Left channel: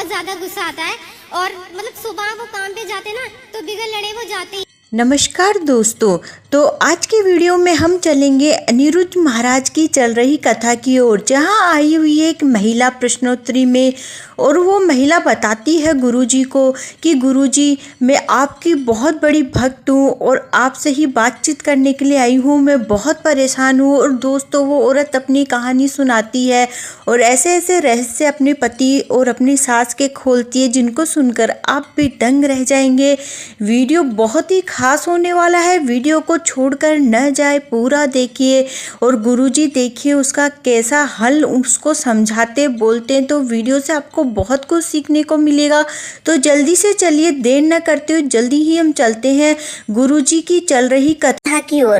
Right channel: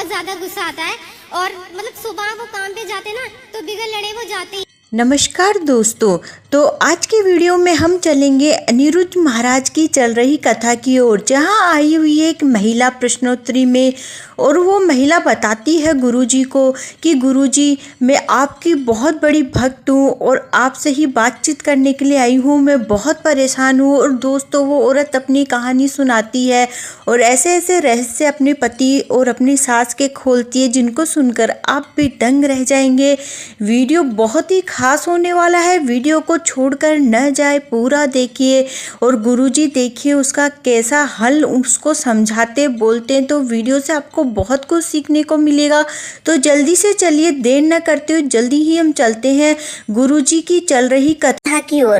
बहुत ज्यादा गुस्सा आता है। और मतलब सुबह वो काम पे जाते ना तो बिगड़ लड़े वो जाते ही। नमस्कार दोस्तों, तो आज की वीडियो में हम चलेंगे अनिरुद्ध महाराज की चल रही कथा की ओर, जहां आई हुई है एक महिला प्रश्नोत्तरी में। और वो महिला बताती है गुरुजी को कि गुरुजी, मैं आपकी बहुत बड़ी भक्त हूँ और आपसे ही बातचीत करने के लिए आई हूँ, मैं बहुत परेशान हूँ। और दोस्तों, वो औरत अपनी कहानी सुनाती है और ऐसे ऐसे रहस्य अपने पति और अपनी सास के खोलती है, जिनको सुनकर आप भी दंग रह जाएंगे। वीडियो बहुत ही खास होने वाला है, वीडियो को छोड़कर न जाए, पूरा देखिए। और गुरुजी देखिए उसका कैसा हल उसको समझाते बोलते हैं, तो वीडियो से आपको बहुत कुछ सीखने को मिलेगा। तो जल्दी से चलिए, देर न करते हुए जल्दी ही हम चलते हैं गुरुजी की चल रही कथा की ओर।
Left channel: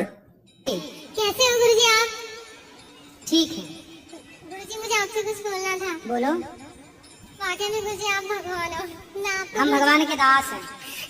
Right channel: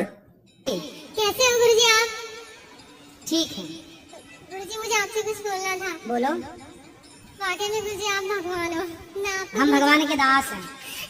कैसे हो गुरुजी आप? ठीक है, गुरुजी मुझे आपसे कुछ बोलना था। बोलो। वाकई में गुरुजी आप भगवान हो। मैं आपको हम भगवान के दास हैं।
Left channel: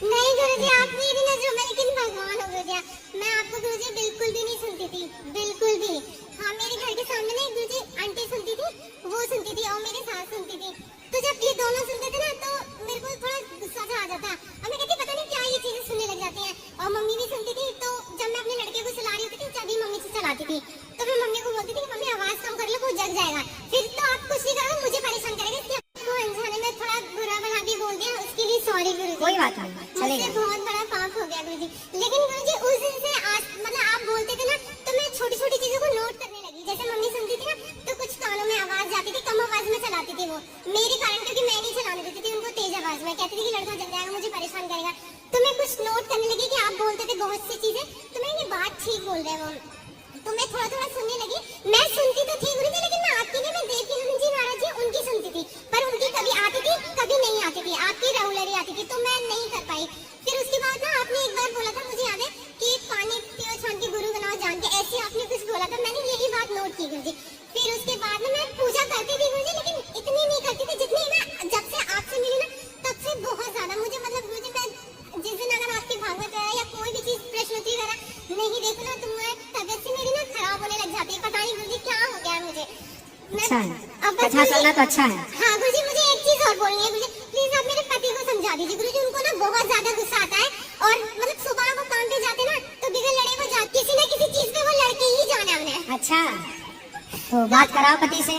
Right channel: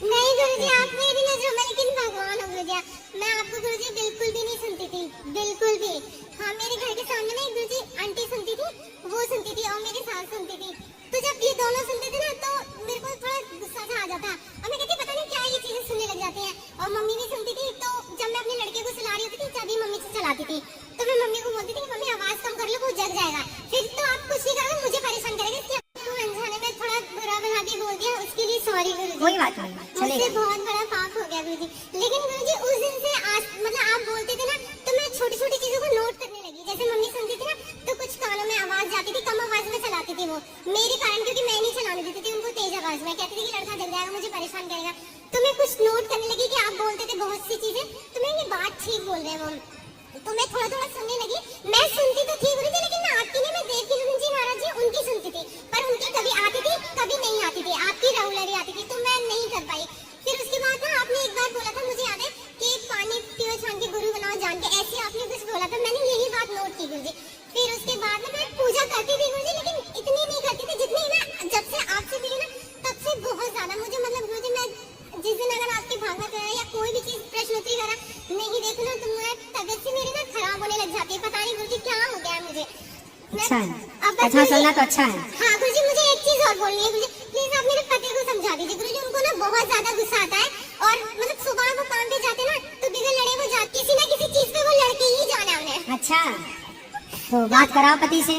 नहीं गुरुजी, आप मेरी नजरों में लेकिन भगवान हो गुरुजी। मैं आपको गुरुजी बिल्कुल भी नहीं सुनती थी, बिल्कुल भी। हाँ, मेरे घर के सामने में एक गुरुजी आंटी सुनती थी, वो सुनती थी और मेरी सास सुनती थी। तो जब ये दोनों सुनते थे ना तो मेरे को थोड़ा गुस्सा सा आ जाता और मैं कहती पता नहीं क्या ये चीजें सुनने लग जाती हैं। और मम्मी भी सुनती थी, तो जब मैं अपने लड़के को सुला रही होती थी चाबी मम्मी से चलाती थी, तो मैं मम्मी को बोलती थी कि मम्मी आवाज कम कर लो, वो जग जाएगा। फिर तो आप कुछ नहीं करोगे, मुझे परेशान करेगा। इसलिए आपको अनजाने में थोड़ा बुरा भला भी बोल दिया, उसके लिए सॉरी गुरुजी। कोई बात नहीं, मुझसे चलेगा। बहुत बड़ा पाप हो गया गुरुजी। लेकिन गुरुजी उस दिन से आज मतलब आप बोलते थे ना तो मैं छोटी छोटी चीजों को नोट करने लगी। जैसे मम्मी सुनती थी ना तो कुछ कानों में आवाज जाती थी, कम आवाज में चलाती थी वो मेरे कारण, क्योंकि मैं नहीं चलाने देती थी उनको तेज आवाज में। कहती थी कि लड़का जग जाएगा, मुझे परेशान करेगा। तो मैं कुछ नोट करने लगी कि आप बोलते थे बहुत सी चीजें, तो मैं ये बात ठीक बोल रहे हो, तो मैं थोड़ा थोड़ा सुनने लगी। मैं सुनती तो थी गुरुजी, लेकिन मैं आपकी नहीं, मैं देवकी गुरुजी महाराज जी उनकी सुनती थी, पर उनकी कभी आती थी कभी नहीं आती थी, आपकी रेगुलर आती थी, तो मैं नहीं कर पाई। फिर उसके बाद ना आपने एक बार बोला था, मुझे याद है कि पानी पियो छान के गुरु बनाओ जान के, ऐसे आपने कुछ बोला था, मैंने यही बात नोट की गुरुजी। फिर उसके बाद ना मैं पूजा करती थी गुरुजी, लेकिन इतनी नहीं करती थी जितनी मैं जब से आपसे मिली ना तब से बहुत ज्यादा। मुझे मतलब गुरुजी, मैं जिस दिन अगर आपकी भागवत है या कोई भी चीज प्रश्नोत्तरी करा नहीं देखूं ना तो मेरा तबीयत से मेरी ना खराब होने लग जाती है। पता नहीं गुरुजी क्या हो गया है मुझे। अच्छा है, अच्छा चलना तो अच्छा है। हाँ गुरुजी, मुझे एक चीज और बोलनी है गुरुजी, प्लीज आप मेरे पति को समझा दीजिए गुरुजी। उनको ना बहुत ज्यादा गुस्सा आता है और मतलब सुबह वो काम पे जाते ना तो बिगड़ लड़े वो जाते, किसी ना किसी चीज पे वो लड़के ही जाना है उन्हें। अच्छा, तो बात कराओ पति से।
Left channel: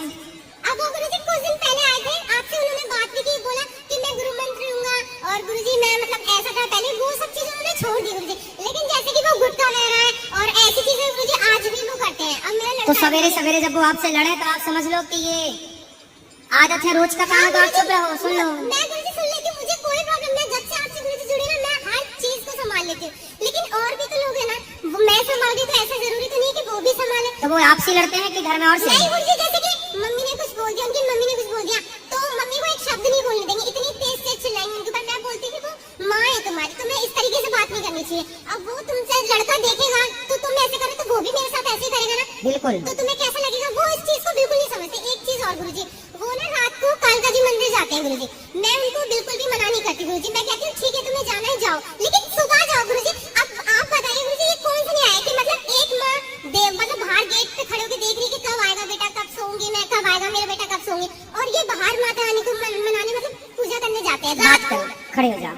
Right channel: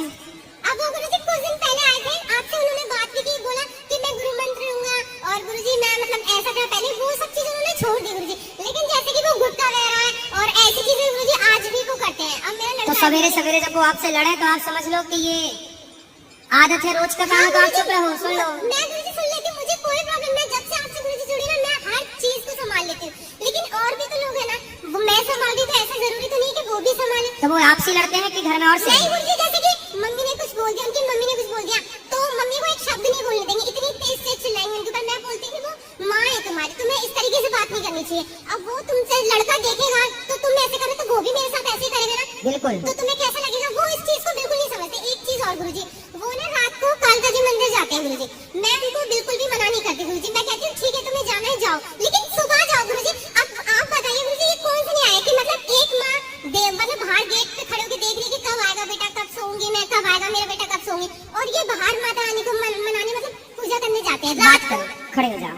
अब वो गुरुजी कुछ दिन पहले आए थे, आपसे उन्होंने बात की, बोला कि मैं गुरु मंत्र लूंगा और गुरुजी मैं मतलब ऐसा था पहले, वो सब चीजें उन्होंने छोड़ दी गुरुजी। लेकिन जैसे कि वो गुटखा ले रहा है और ऐसी चीजें गुरुजी आज भी वो करते हैं। अब मेरा तो लड़का सवेरे सवेरे जब वो आपसे लड़े तो आप समझ लो कि ये आदत है रोज का काम है, तो आप चुप रहो, सुन लो। मैं गुरुजी सुन लेती हूँ, मुझे कोई प्रॉब्लम नहीं। जब से आपसे गुरुजी जुड़ी ना मैं हर चीज को संभाल लेती हूँ, लेकिन और भी तो लोग है ना, मैं संभालती तो ऐसा जरूरी तो नहीं कि वो भी संभाले। तो वो आपसे लड़ते हैं कि घर में और से? नहीं गुरुजी, जैसे कि मम्मी ने कुछ बोल दिया, उनकी मम्मी ने कुछ बोल दिया, तो मम्मी को एक शब्द नहीं बोलने देंगे, इतनी तेज तेज चिल्लाएंगे उनके ऊपर। मैं बोलती थी वो माँ है तुम्हारी, तुम्हें इस तरीके से बात नहीं करनी चाहिए। अब वो तुमसे लड़का देखेगा तो तुम ऐसे करो तो वो भी मेरे साथ ऐसे ही करेगा ना, बिल्कुल। तो तुम्हें कैसा लगेगा? वो इस चीज को बिल्कुल नहीं समझते। एक चीज और गुरुजी, वो ना रात को कालका जी मंदिर जाते हैं गुरुजी, मैं उनको बिल्कुल भी मना नहीं करती गुरुजी। मैं कहती हूँ ठीक है तुम्हें जाना है जाओ, लेकिन सुबह जाओ गुरुजी। अब आप बताइए गुरुजी, ये कौन सा न्याय है कि मतलब एक माँ मतलब बाहर गेट पे खड़े होकर देख रही है कि कब आएगा बेटा, कब सोऊंगी मैं, कब आएगा मेरा बेटा, कब सोऊंगी, और ये बाहर माता रानी को मनाने मतलब पूजा करने जाते हैं। बात करो, खड़े हो जाओ।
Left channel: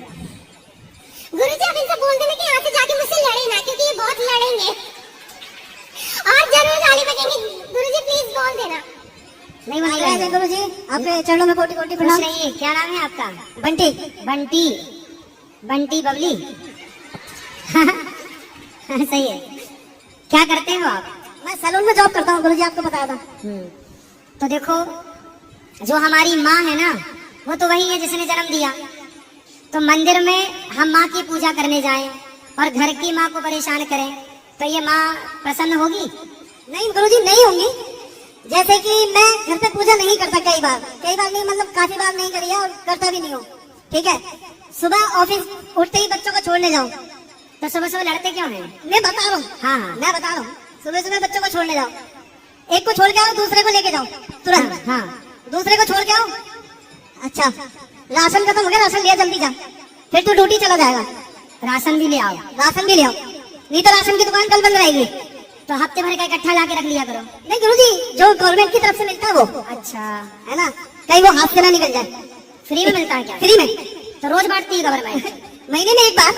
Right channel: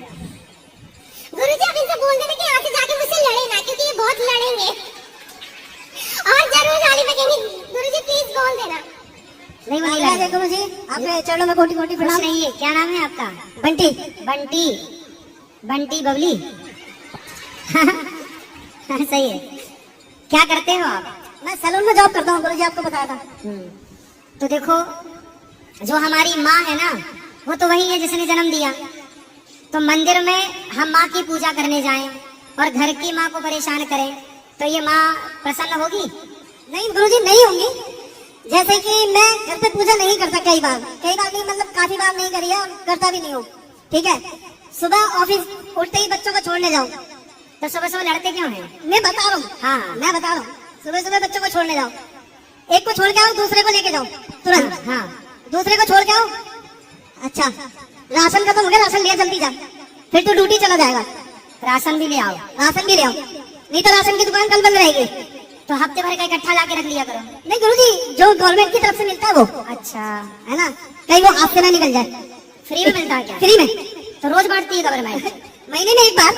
गुरुजी आप इनसे बोल देना कि यहाँ से जाके मुझसे लड़े ना, क्योंकि ये बहुत लड़ेंगे और जरूर गाली बजेंगे। गुरुजी प्लीज बोल देना। नहीं नहीं गुरु जी, आपके चरणों में कोटि कोटि प्रणाम। नहीं, क्या नाम है आपका? बंटी। बंटी, बंटी बबली। सही है। क्या करते हो आप? मैं सैलून में जॉब करता हूँ गुरुजी, आपको बताया था। तो देखो, जो हमारी माँ है ना वो तो वही है जिसने जन्म दिया। तो मंदिर में हम माँ की पूजा करने जाएं और घर की माँ को परेशान करें तो ये माँ प्रसन्न होगी? नहीं गुरुजी, नहीं होंगी। जैसे कि मैं घर पे पूजा नहीं करता, कई बार नहीं, मतलब काफी बार नहीं करी है और करता भी नहीं हूँ। ठीक है, सुबह ऑफिस उठते ही बच्चों को छोड़ने जाऊँ। तो सुबह सुबह लड़ते क्यों हैं? मैं बता रहा हूँ, हाँ मैं बता रहा हूँ। सुबह सुबह बच्चों को छोड़ने जाओ, एक को छोड़ के आओ, दूसरे को लेके जाओ तुरंत। हाँ। दूसरे को छोड़ के आओ, अच्छा राशन खत्म हो गया, राशन ले जल्दी जा, फिर तू ड्यूटी चला जाएगा। राशन भी ले आओ। राशन भी ले आओ, नहीं तो राशन की दुकान कल बंद रहेगी। तो हफ्ते भर का इकट्ठा ला के रख लिया करो। नहीं गुरुजी, जो गवर्नमेंट की तरफ से मिलता है वो अच्छा है ना, कहीं वो हाथ से ना निकल जाए। फ्री में मिलता है क्या? फ्री में। तो रोज बांटती है गवर्नमेंट? महीने में एक बार,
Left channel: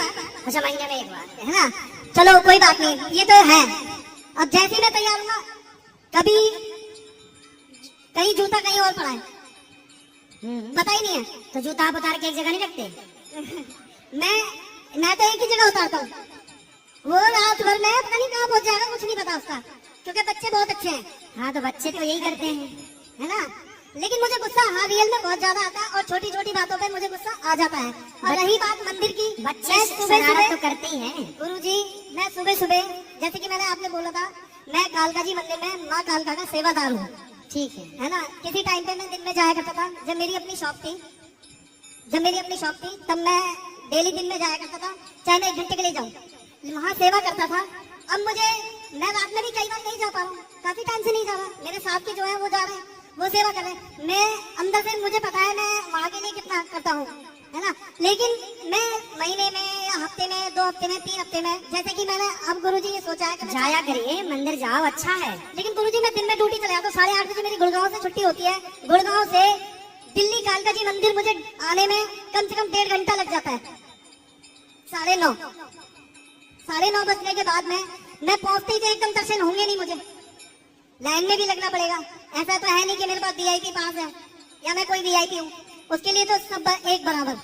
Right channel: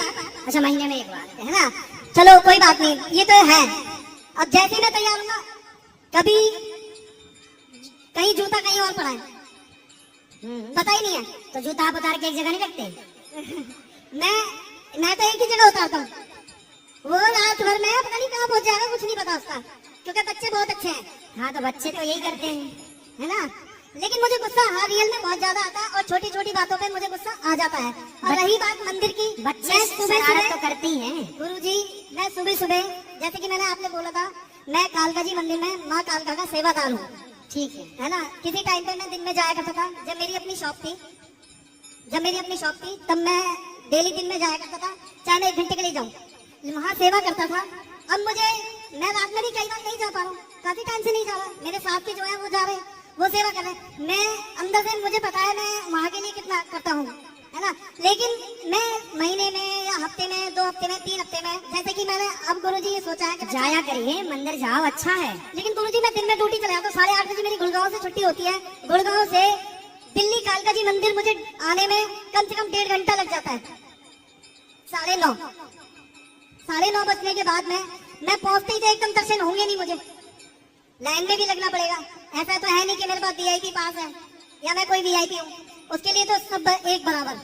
अच्छा, महीने में एक बार, है ना। चलो कोई बात नहीं, ये तो है। अब जैसे मैं तैयार हूँ ना, कभी कहीं जूता कहीं और पड़ा है, पता ही नहीं है। तो जूता आप उतार के एक जगह नहीं रखते? मैं तो एक ही जगह उतारता हूँ, वो रात भर में पता नहीं कहाँ पहुंच जाएगा, कुछ नहीं पता उसका, क्योंकि बच्चे बहुत अच्छे हैं। हाँ, तो बच्चे तो यही करते हैं, है ना। लेकिन मुझे गुस्सा हाँ रियल में बहुत ज्यादा आता है, और छोटी छोटी बातों पे मुझे गुस्सा आ जाता है। और रही बात मंदिर की, बच्चे शरारत तो करते ही हैं। गुरुजी, मैं सुबह सुबह, जैसे कि मैंने आपने बोला था, मैं कालका जी मंदिर में माँ कालका का सेवादार हूँ, ठीक है ना। किसी टाइम पे मैं दिन में जाया करता था, जब मेरी अपनी शॉप थी, तब मैं डेली दिन में जाया करता था, चाहे मैं 1 घंटे के लिए जाऊँ, वहाँ सेवा करता था। अब मैं रात में भी कई बार नहीं जा पा रहा हूँ, काफी टाइम से नहीं जा रहा। मेरे साथ के जो है वो जा रहे हैं, वो सेवा कर रहे हैं। मैं अंदर से मुझे पता है मैं वहाँ के लिए कितना करता हूँ, है ना। लेकिन मैं महीने में या हफ्ते में, 2 हफ्ते में, 3 हफ्ते में, जैसे कि मैंने अब गुरुजी ये सोचा है कि जाया करिए, मंदिर जाओ, अच्छा है। लेकिन गुरुजी मैं दिन में ड्यूटी चले जाता हूँ, 8:30 बजे मेरी गुड़गांव से छुट्टी होती है। गुड़गांव से दिल्ली कालका जी मंदिर मुझे आने में कम से कम 1.5 घंटा लग जाता है। 9:30 बजने के बाद मैं पहुंचते ही तो एकदम दर्शन होंगे नहीं, मुझे लाइन में भी लगना पड़ेगा। ऐसा तो है नहीं कि मेरे पास वीआईपी पास है या मैं कोई वीआईपी हूँ, उसके लिए तो सब एक बराबर,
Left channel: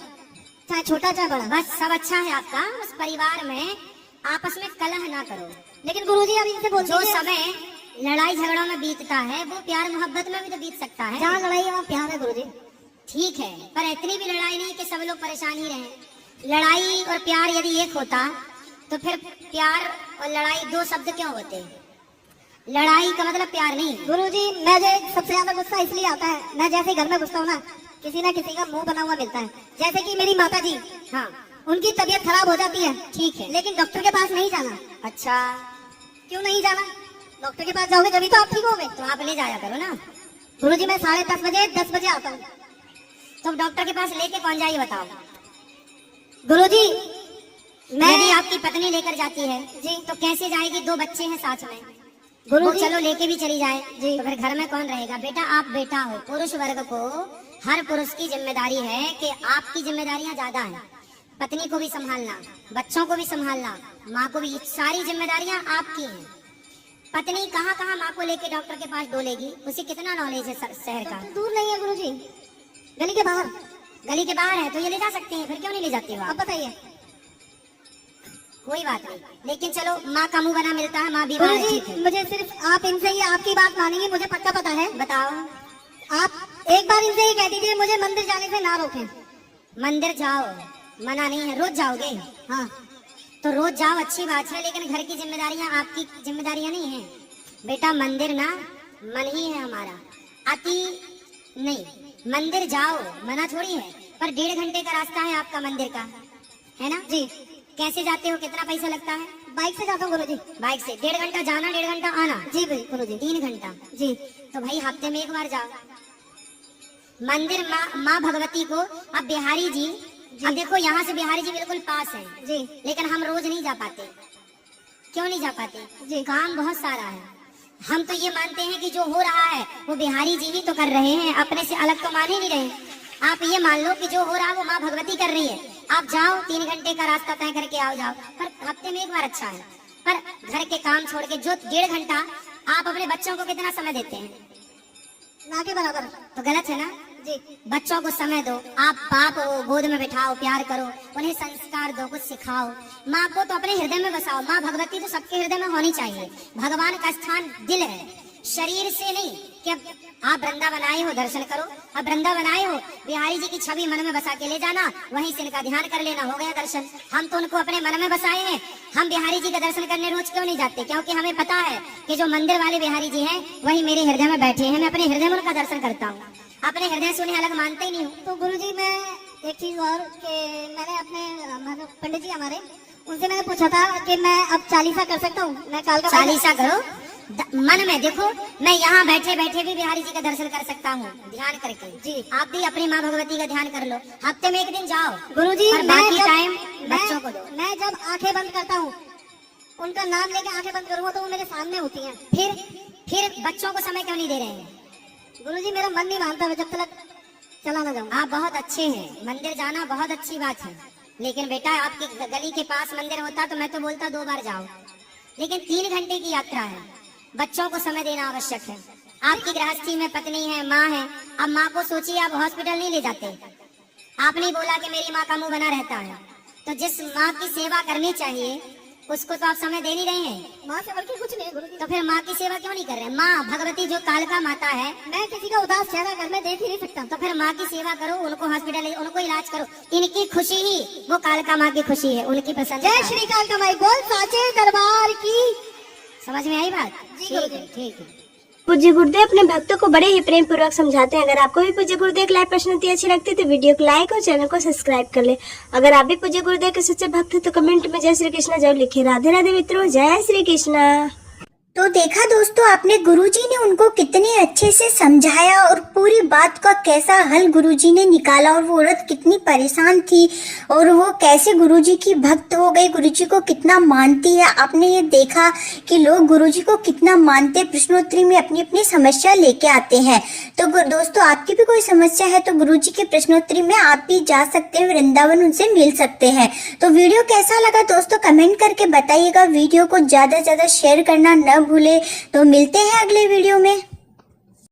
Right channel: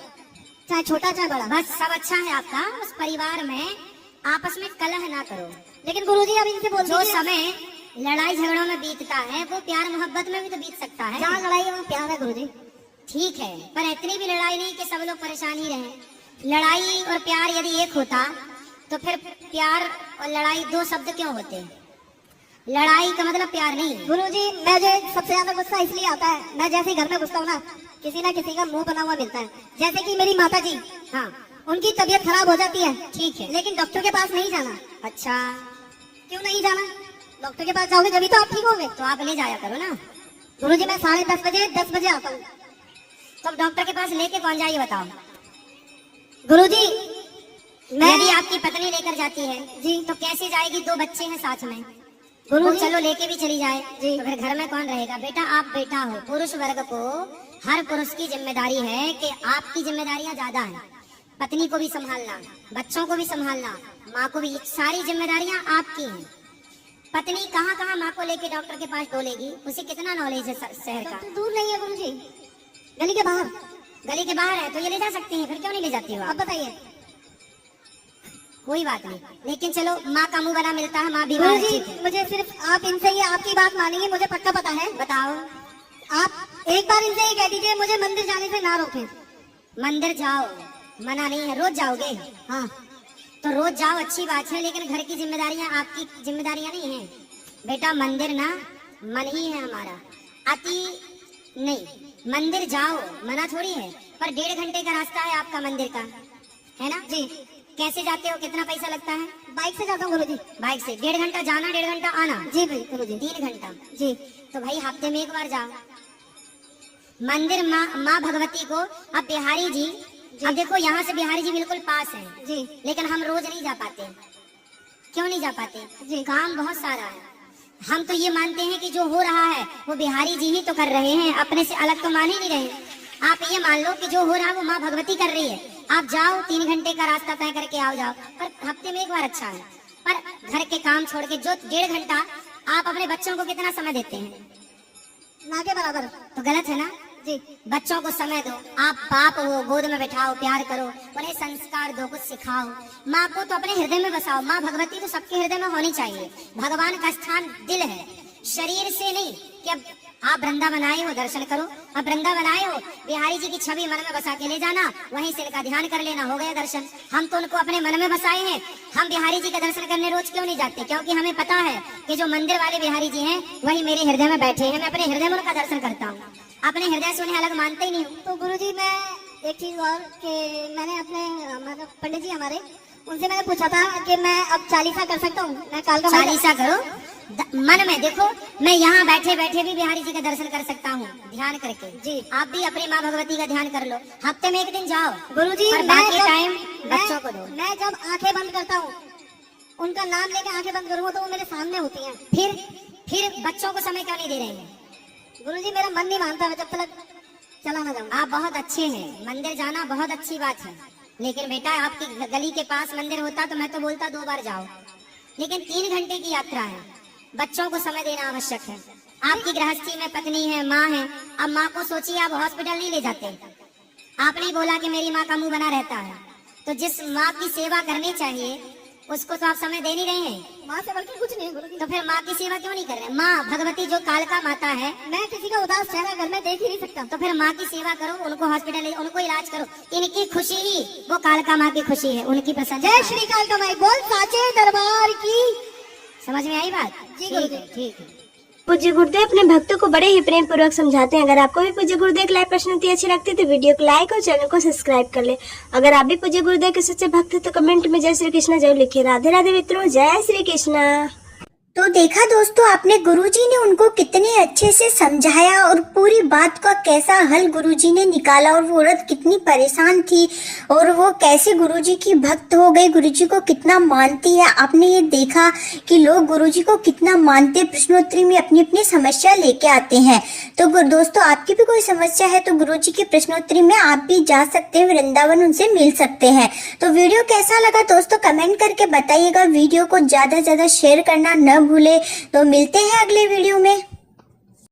चाहे छोटा चाहे बड़ा, बस सब अच्छा है आपका। उस परिवार में आपस में कलह ना करो। लेकिन गुरुजी अब इनसे बोल जो समय लड़ाई झगड़ों में बीतता है, वो प्यार मोहब्बत में भी तो बीत सकता है। जहाँ लड़ाई है वहाँ प्यार है गुरुजी। ठीक है, पर इतनी भी लड़ाई नहीं कि सब लोग परेशान ही रहे। लड़ाई और प्यार यदि एक होता तो फिर प्यार और लड़ाई 2 शब्द क्यों होते? लड़ाई का मतलब प्यार नहीं। गुरुजी, मुझे सबसे ज्यादा गुस्सा इसलिए आता है, मैं जैसे घर में घुसता हूँ ना, किसी ना किसी का मुंह बना हुआ मिलता है। जैसे कि मेरी माता जी, हाँ, उनकी तबीयत खराब हो जाती है, ठीक है, लेकिन डॉक्टर के पास नहीं जाना। अच्छा, क्यों नहीं जाना? डॉक्टर के पास जाओगे तभी तो आप ठीक होगे। तो आप ले जाया करो ना। गुरुजी, मैं 10:30 बजे आता हूँ। तो डॉक्टर के पास लेके कौन जाए बताओ? गुरुजी, यदि आपकी पत्नी लेकर जाती है जी, तो कैसे जाएगी? 2 बच्चे हैं साथ में, गुरुजी, चलो लेके भी चली जाए जी, तो फिर घर में कौन रहेगा? बेटा, आप बेटा हो, पुरुष वर्ग को हर पुरुष की जिम्मेदारी है कि आपकी जिम्मेदारियां ज्यादा है। पत्नी को भी संभालना, बच्चों को भी संभालना, माँ को भी, सारी जिम्मेदारियां आपकी हैं। पत्नी कहाँ कहाँ माँ को लेके डॉक्टर के पास डोलेगी? उसे कितना नॉलेज है शहर का? दूर नहीं है गुरुजी, गली के बाहर। गली के बाहर है तो ये ले जा सकती है, फिर क्यों नहीं ले जाती हो अब आप? बताइए। कोई बात नहीं, लेकिन चलो, माँ का मुंह बना मिलता है, माँ बीमार है, ठीक गुरुजी, है। मुझे सिर्फ आप इनसे ये आपकी बात मानेंगे, मुझे पक्का पता है। बताओ। आप एक बार इनसे ही कह दीजिए मुझे मंदिर जाने से ना रोकें। मंदिर जाओ, मना नहीं है, रोज जाओगे? हाँ, तो रोज जाओ, अच्छी बात है, लेकिन घर की जिम्मेदारियां आपकी जिम्मेदारियां नहीं है बेटा। मंदिर ना मन ही है हमारा, अति नहीं। मंदिर जाओ, मना थोड़ी है, पर 1.5 घंटे का रास्ता है आपका मंदिर का, है ना जी? कैसे जाते हो? कितना पैसा लगता है? बाइक से जाता हूँ गुरुजी। बाइक से 1.5 घंटा जाना, 1.5 घंटा आना? जी भाई गुरुजी। 3 घंटा जी। तो भाई हफ्ते में 1 बार जाओ मंदिर। माँ भगवती को, अब बिहारी जी, अब देखो यहाँ से बिहारी जी बिल्कुल पास है जी, लेकिन हम रोज नहीं जा पाते। क्यों नहीं जा पाते? जी, काम बहुत सारा है। हम तो ये मानते हैं कि जो हो रहा है वो बिहारी जी ही तो कर रहे हैं, अपने से अलग तो मान ही नहीं रहे। आप ये मान लो कि जो हो रहा है वो माँ भगवती कर रही है। आप जाओ, 3 घंटे का रास्ता तय करके आओ जाओ, पर हफ्ते में 1 बार अच्छा है। पर घर के काम छोड़ के जो 1.5 घंटा आप अपने बच्चों को कितना समय देते हैं? ना के बराबर। तो गलत है ना जी। बच्चों को समय दो, आप बाप हो, गोद में बैठाओ, प्यार करो, उन्हें संस्कार दो, कुछ सिखाओ। माँ को तो अपने हृदय में बसाओ। माँ भगवती तो सबके हृदय में होनी चाहिए। भगवान का स्थान दिल है, शरीर से नहीं। कि अब आप वृंदावन आए हो, दर्शन करो। अब वृंदावन आए हो, बिहारी जी की छवि मन में बसा के ले जाना, वहीं से इनका ध्यान कर लेना, हो गया दर्शन। हम तो उनको अपने मन में बसाए हैं। हम बिहारी जी का दर्शन करने रोज क्यों नहीं जाते? क्योंकि हमें पता है कि जो मंदिर वाले बिहारी जी हैं वही मेरे हृदय में बैठे हैं। मैं अपने हृदय में उनका दर्शन करता हूँ, अपने हृदय से उन्हें अलग मानते ही नहीं हूँ। तो गुरुजी, मैं एक चीज और कि मैंने अपने पंडित जी हमारे, उनसे मैंने पूछा था कि मैं अब 40 कर सकता हूँ। मैं काल का 40 करो मन में। देखो, मैं यहाँ बैठे बैठे भी बिहारी जी का दर्शन कर सकता हूँ ध्यान करके। जी, आप भी अपनी माँ भगवती का ध्यान कर लो। हफ्ते में 1 दिन जाओ गुरुजी। बाकी टाइम बच्चों को दो। मैं जब आंखें बंद करता हूँ, उनका नाम लेके आंखें बंद करूँगा तो वो मेरे सामने होती हैं। फिर बच्चों को समय क्यों नहीं दे रहे हैं? गुरुजी, मेरा मन नहीं मानता। जब तक चला ना जाऊँ। आप बहुत अच्छे हैं, मंदिर जाना बहुत अच्छी बात है, लेकिन बेटा आपकी गली के पास मंदिर होता तो मैं तो बोलता 2 बार जाओ, लेकिन 3 घंटे की यात्रा है, बच्चों को समय देना आवश्यक है। आपकी गृहस्थी में पत्नी है, माँ है, अब माँ को सोचिए आप हॉस्पिटल नहीं ले जाते। आपने ही बोला कि मेरी माँ का मुंह बना रहता है, तो जिस माँ की सेवा करनी चाहिए उसको तो आप समय दे नहीं रहे हैं। माँ से बल्कि कुछ नहीं है गुरुजी। तो फिर माँ की सेवा क्यों नहीं कर रहे हैं? माँ भगवती जो कालका माता है, मैं किसी का उदास चेहरा घर में देख ही नहीं सकता। तो फिर माँ की सेवा करो, उनको हॉस्पिटल उनको इलाज करो। इनकी खुशी ही वो कालका माँ की खुशी है, उनकी प्रसन्नता। जय श्री कालका माई बोल साचे दरबार की। समझ में आई बात? जी ठीक गुरुजी। है, ठीक है। पूज्य गुरुदेव अपने भक्तों को बड़े ही प्रेम पूर्वक समझाते हैं। अगर आपको भी पूज्य गुरुदेव की लाइव प्रश्नोत्तरी अच्छी लगती है तो वीडियो को लाइक और चैनल को सब्सक्राइब कर ले। अगर आप भी पूज्य गुरुदेव के सच्चे भक्त हैं तो कमेंट में जय श्री कृष्णा जरूर लिखें। राधे राधे मित्रों, जय श्री कृष्णा। तो देखा दोस्तों आपने, गुरुजी ने उनको कितने अच्छे से समझाया और पूरी बात का कैसा हल गुरुजी ने निकाला, और वो औरत कितनी परेशान थी और वो कैसे गुरुजी की भक्त हो गई, गुरुजी को कितना मानती है। आपने ये देखा कि लोग गुरुजी को कितना मानते, प्रश्नोत्तरी में अपनी अपनी समस्या लेके आते हैं। तो दोस्तों आपकी भी कोई समस्या है तो गुरुजी की प्रश्नोत्तरी में आप भी जा सकते हैं, वृंदावन उनसे मिल सकते हैं। तो वीडियो कैसा लगा दोस्तों कमेंट करके बताइएगा। वीडियो को ज्यादा से ज्यादा शेयर करना न भूले। तो मिलते हैं अगले वीडियो में।